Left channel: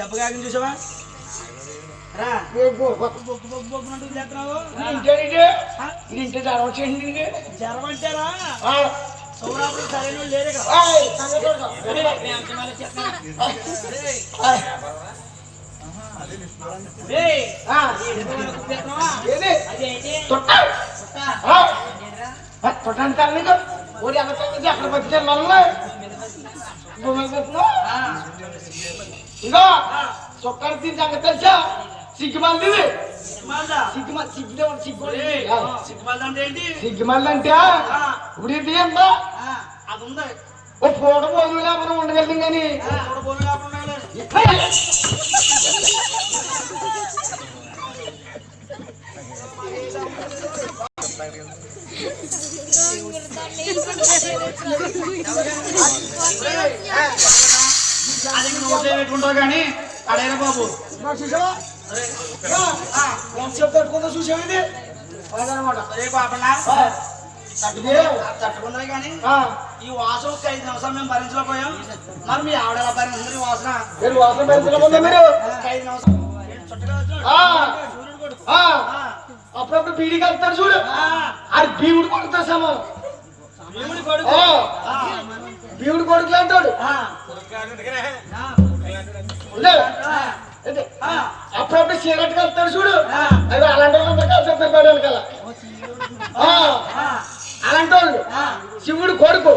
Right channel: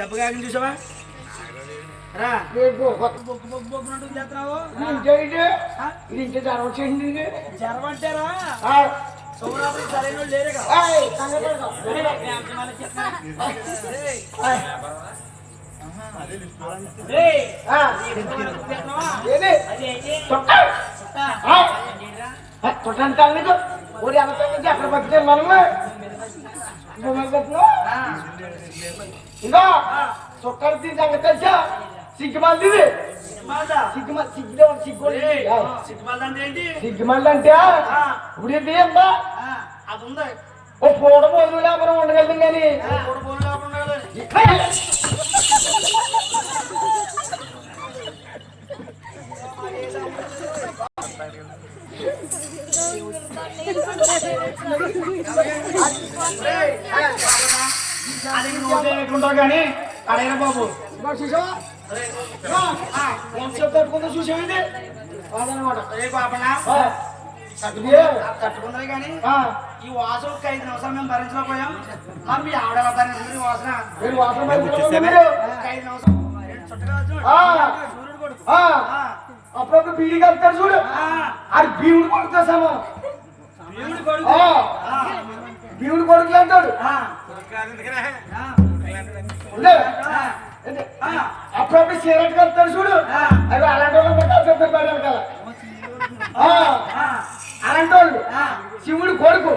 దెబ్బ కాగింది చూసావా రా బొగ్గునంటూ చేస్తున్నావు ఇంటి జ్వరం అంటారా సౌరాపురం సరైన వాళ్ళు లేరే కదా అక్కడ పట్టుకెళ్ళాలి ఇంకా చొక్కాలు తిని సంగతి తెలుసా సిగ్గుమాలి సిగ్గుమాలి అంటే ఇప్పుడు ఏంటి అంతా అది ఉంది ఓ పూట పోదు లేకపోతే ఉండగలుగుతాం కానీ అది నువ్వు చేయకుంటావు కానీ అడేరా బాబు చూసావా తట్టుకుందా చూసావు అదనమాట తట్టుకుందరే కానీ ఈ వాసన ఒక 5 నిమిషాలు మేము భరించలేకపోయాం మరి మీ ఆవిడ ఎలా భరించింది ఈ వాసన వాసన భరించలేకుండా మీరు 5 నిమిషాలు అప్పుడప్పుడు బీడీ కలుపుతారు చూడు అది భీముడు కొడుకుతో సమానం భీముడు కొడుకు అంటాడు అప్పుడప్పుడు సిగరెట్ కలుపుతాడు చూడు అది అలాంటి వాళ్ళంతా కలిసి పడాలి కదా అలాంటి వాళ్ళు శివుడు కొడుకు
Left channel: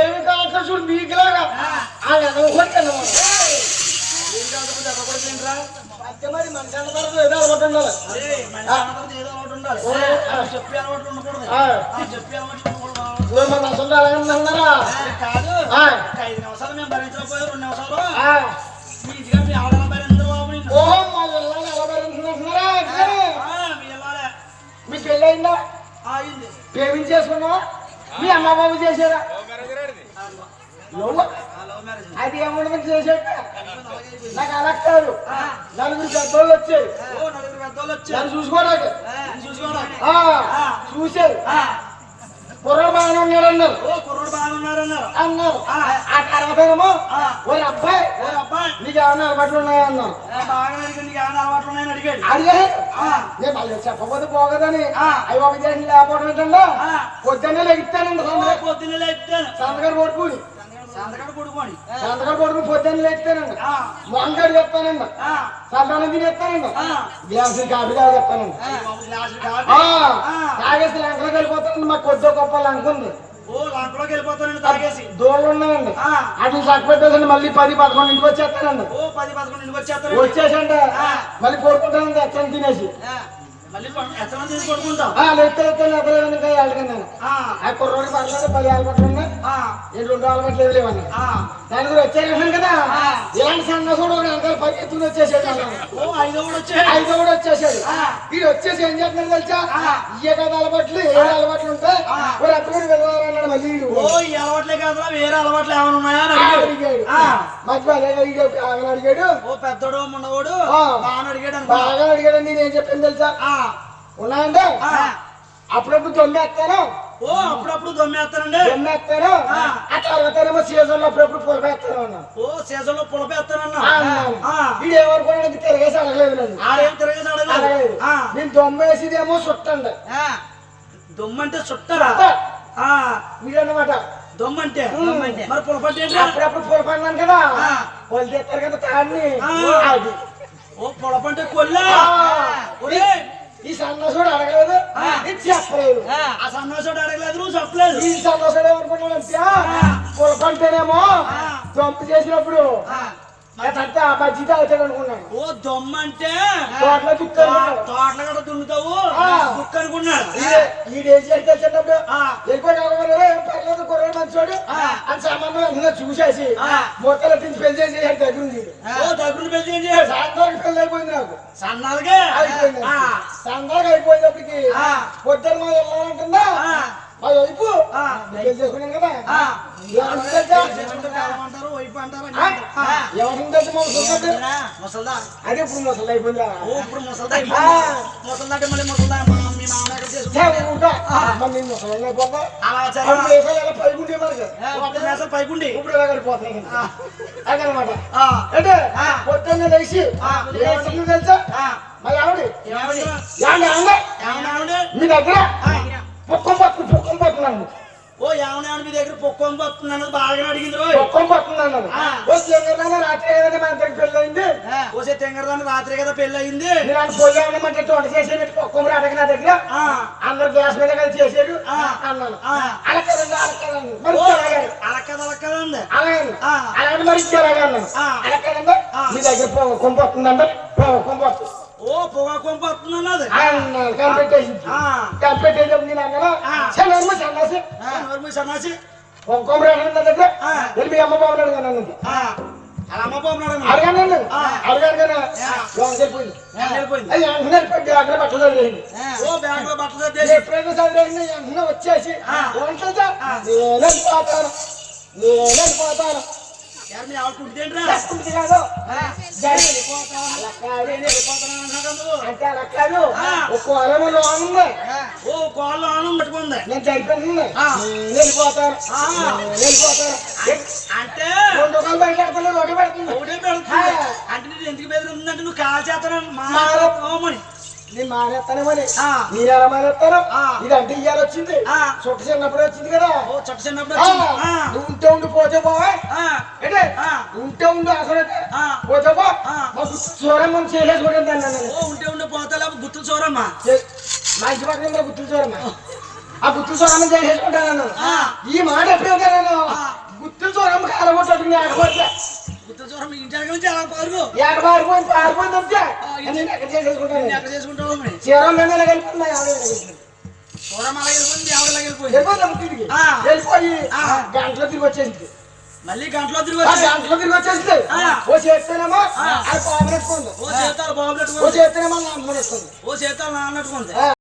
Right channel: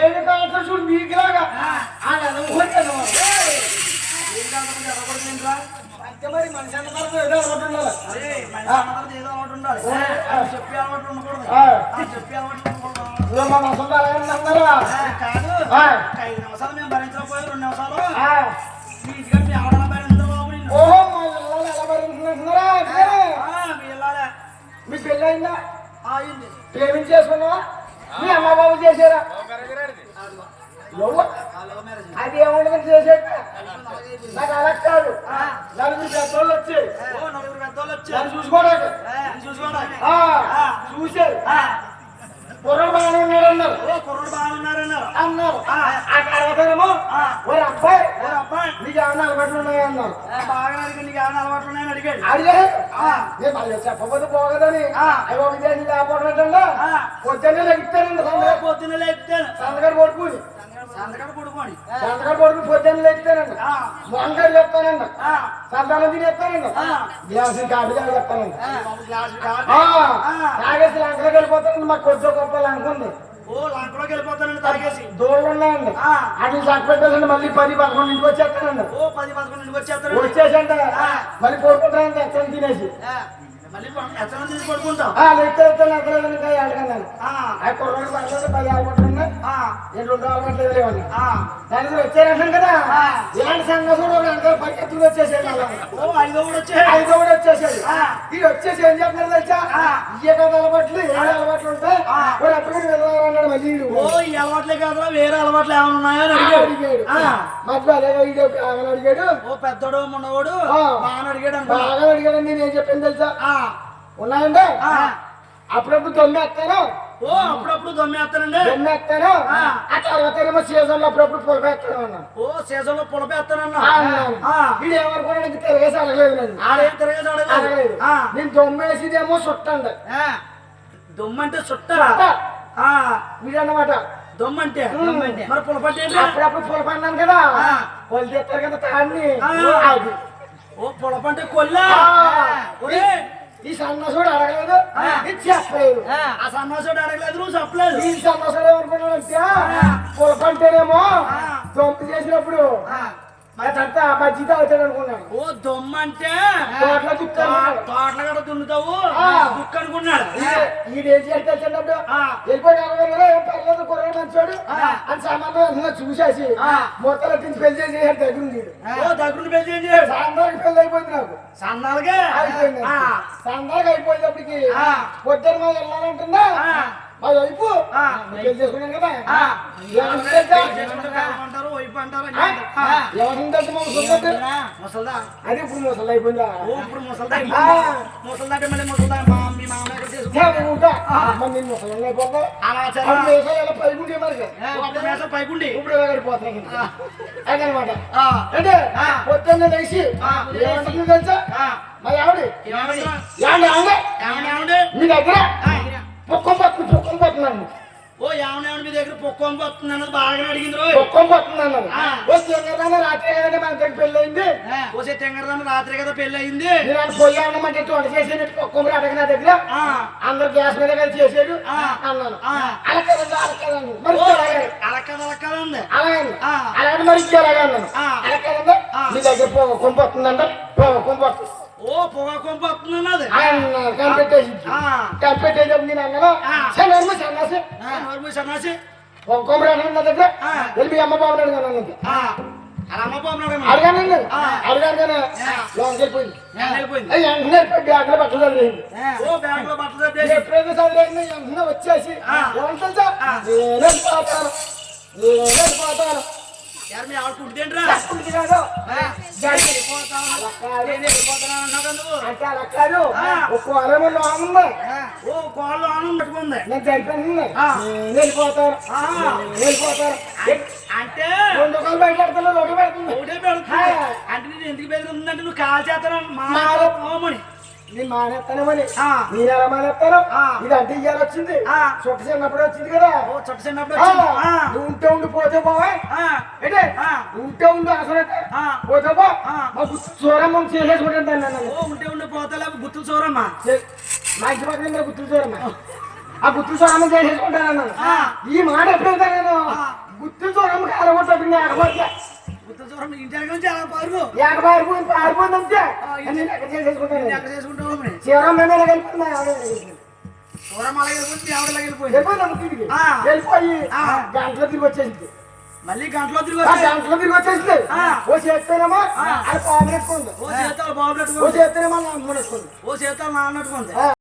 ఏమి కాల్తాడు చూడు మీకులాగా మరి మనిషి అన్నమాట ఏదో అలవాటు ఉండాలి చెప్పే అలవాటు ఉండకూడదు అన్నారా కాదు 5 నిమిషాలు మేము భరించలేకపోయాం 2 నిమిషాలు మీ ఇంటిగా మీ ఆవిడ భరించరు బాబు నిన్ను ఓహో మా ఇళ్ళని ఎలా భరించుకుంటున్నారా మీ వెళ్ళాలి మీ పెళ్ళి అయిందా అయింది ప్రేమించేసుకున్నావా మీ అమ్మ బాబు చేశారా అది ఏముండదు చేసేట నాకు అలా కాదు నలుగురు పెద్దోళ్ళు వచ్చారు నన్ను చూసుకోవడానికి చూసారు కుర్రడు బాగానే ఉన్నాడు అన్నారు ఆ తర్వాతేమో ఓ అబ్బాయి నీకు ఏమైనా అలవాట్లు ఉన్నాయన్నారు అడిగాడు నేను మళ్ళీ చెప్పకపోతే పోగదని అవి ఒక చేసి లేకపోవడం పొద్దున్నే లెగుతానండి సంతకాడు కొడుకుని సంతకాడు కొడుకు పొద్దున్నే లెగుతానండి మొంగడు చెప్తానండి సంతానం తినేస్తానండి గ్లాసు కాఫీ చెప్తానండి తాగేసి లంకలోకి వెళ్ళిపోతానండి మాకు కొద్ది గొప్పలు అనుకుంది దోళ్ళు ఉన్నాయండి అది చక్కబెట్టేసండి మళ్ళీ 10-11 ఇంటికి వచ్చేస్తానండి వచ్చేసండి మళ్ళీ పడుకుంటానండి ఎత్తని తినేసి కుర్రోడు పర్లేదు 10 అలవాట్లు ఉన్నాయి 2 అలవాట్లు లేవని దాని గురించి వచ్చారంటాం కదా ఇలాంటి సంఘసుడు పరిగెత్తులు వచ్చేసాడు ఐదోడు వచ్చేసాడు ఇది వచ్చేసి ఏం చెప్తున్నారు తెలుసా ఇయ్య కదా అలవాట్లు 7 అలవాట్లు ఉంటాయి ఎప్పుడు వెళ్ళాలన్నాడు మళ్ళీ అలవాట్లే కాదు వేరే అలవాట్లు ఏమైనా ఉన్నాయా అడిగాడు మధ్య ఆమెను అడిగాడు పెద్దోడు మొన్నవాడు బాగా అడిగాడు నేను చెప్పింది తెలుసా ఉన్నాయండి అప్పుడప్పుడు దొమ్మేస్తాను అప్పుడప్పుడు దొమ్మేస్తానండి ఆ తర్వాత ఏమో సీజన్ లో అప్పుడప్పుడు పులపేస్తాను అన్నాను సీజన్ లో పులపేస్తానన్నా ఇది ఏమనుకోవడానికి తిరగేసి అడగలేదు నేను దొమ్మేసిదేమో చుట్టండి దొమ్మంటే చుట్టరా వీడన్నమాట దొమ్మంటే మరి పులపంటే అప్పుడప్పుడు పులపన్నాను కదా వాళ్ళు తెస్తారు కదా తాడిని అది పులపంటే కొల్లా ఈ సన్నాసుడు అడగలేదు చెప్పలేదు ఆ సన్నాసుడు అడగలేదు నువ్వు చెప్పలేదు ఈ సన్నాసుడు ఎవరుకుంటాడంటే పులపంటేనేమో దొమ్మ చేసినప్పుడు అదంతా బజ్జీతో అవుతాడు అనుకున్నాను ఓ దొమ్మ అంటే తోటలో తోటలు కూడా దున్నుతావు దుక్కు అనుకున్నాడు ఈడేసి వెళ్తే చిన్నప్పుడు వెళ్ళిపోయి పర్లేదు కుర్ర మంచోడు అని సామాన్లు చూసేసి మొక్కలు తిని పెళ్లి చేసి దగ్గర దగ్గర పెళ్లి చేసి సాయంత్రానికి పెళ్లి అయిపోయింది నాకు సన్నాలుగా అయిపోయింది సందాగా అయిపోయేటప్పటికి పొద్దున్న మా వెళ్ళాలంటుందా మా వైపు పెళ్లి చేసుకున్నాను కదా అంటారు వైపు అంటారు ముసల్దా అదే ఇప్పుడు ముసలి అయిపోయిందా ఇప్పుడు ముసల్దా ముసల్దా అంటే మళ్ళీ ముసల్దా మీ మామూలు ఎక్కడ చేసుకుంటా అలా సరే పైకుండి ఇప్పుడు గడిపోతున్నాయి అదనమాట. అంటే పొద్దున్న లేచి తెలుసా మా ఆవిడ మీ దగ్గర పొక్కం పట్టుకున్నాను. ఓ ఏమన్నా మీ దగ్గర పొక్కం పడుతుంది అన్నది బాగా అడిగింది. పొక్కం పడుతుంది అన్నారు. రాత్రి కదా మన దగ్గర పెళ్ళి అయింది. ఓసే తెంగరదాన్ని రాత్రి కదా పెళ్లి అయింది. నేను పొయ్యి అన్నమాట వంట చేసేది పొక్కం రాటక నా దగ్గర అందరు గ్యాస్ మీద కలిసి చేసేది అన్నాను. అలక్కదండి అలక్కదండి అలాగే మరి అలాగన్నాను. అలక్కదండి మీ దగ్గర పొక్కం పడుతుందండి పొక్కం పడుతుంది. ఓ పొగ కొంప వస్తుంది అన్నది కనిపెట్టేది నేను అన్నాను. సన్నాసి సన్నాసి కొమ్మరాడు నా దగ్గర వెళ్ళి అమ్మ బాబు అడిగాను అలా అమ్మ బాబు అడిగానండి అడిగాను బ్యాగ్ లో బట్టలు చదివేయండి. ఓ బ్యాగ్ లో బట్టలు చదివేసి ఎప్పుడైనా చదివేయండి వెంటనే వచ్చేసి తెలుసా నేనే పోతాను మీ ఆడుకుంటేంట్రా అంటే అలా కాదు. ఒక అలంలో ఆనందం ఓ కోళ్ళు ఆనందం పెట్టుకుంది. నేను చనిపోయింది వెళ్ళిపోతాను అంటే 2 రూపాయలు బయటపెడతాను ఒకటి పెడుతుంది ఒకటే పెడుతుంది. అంటే నేను ఎందుకు బెదిరిందంటే నువ్వు కాల్ చేస్తాను మామని నేను మానేస్తానేమని నేను ఎలా మానేస్తాను. ఇది అంటే ఇయ్యాలి వచ్చింది చుట్ట చిన్నప్పుడు వచ్చింది కదా. ఓ చుట్ట చిన్నప్పుడు నువ్వు ఉంటే ఉండి పోతే పోవా అంటే ఉంటే ఉండి అసలు పోతే పో మా చూరమ్మ చేసేసుకుంటాను. ఓ ఉంటే ఉండి పోతా లేకపోతే గుర్తులు చూరమ్మా మా ఇంటి పక్కన గుర్తులు చూరమ్మ ఆ గుర్తులు చూరమ్మ చేసేసుకుంటాను. ఈ మాట ఎప్పుడైతే నేను గుర్తులు చూరమ్మ కాలగొట్టదు ఆడబట్టే గుర్తులు చూరమ్మ ఇంటి నుంచి అలా పారుగు ఆడిపోయిందంటే ఎక్కడ చేసేసుకుంటాను. ఎక్కడ చేసుకుంటావు చీరమ్మ వెళ్ళిపోతుంది చూరమ్మ అలా వెళ్ళిపోయింది ఆవిడ వెళ్ళిపోయింది. వెళ్ళిపోయి గంటలో తిరిగి వచ్చేసింది. మళ్ళీ గంటలో తిరిగి వచ్చేసింది. ఓ చేస్తేనేమో అది బాబు నెట్టుకుంది. ఓ చేతాలు బాబు ఓ చేస్తేనేమో అమ్మ నెట్టుకుంది. ఓ చేతాలు నాన్న నెట్టుకుంది.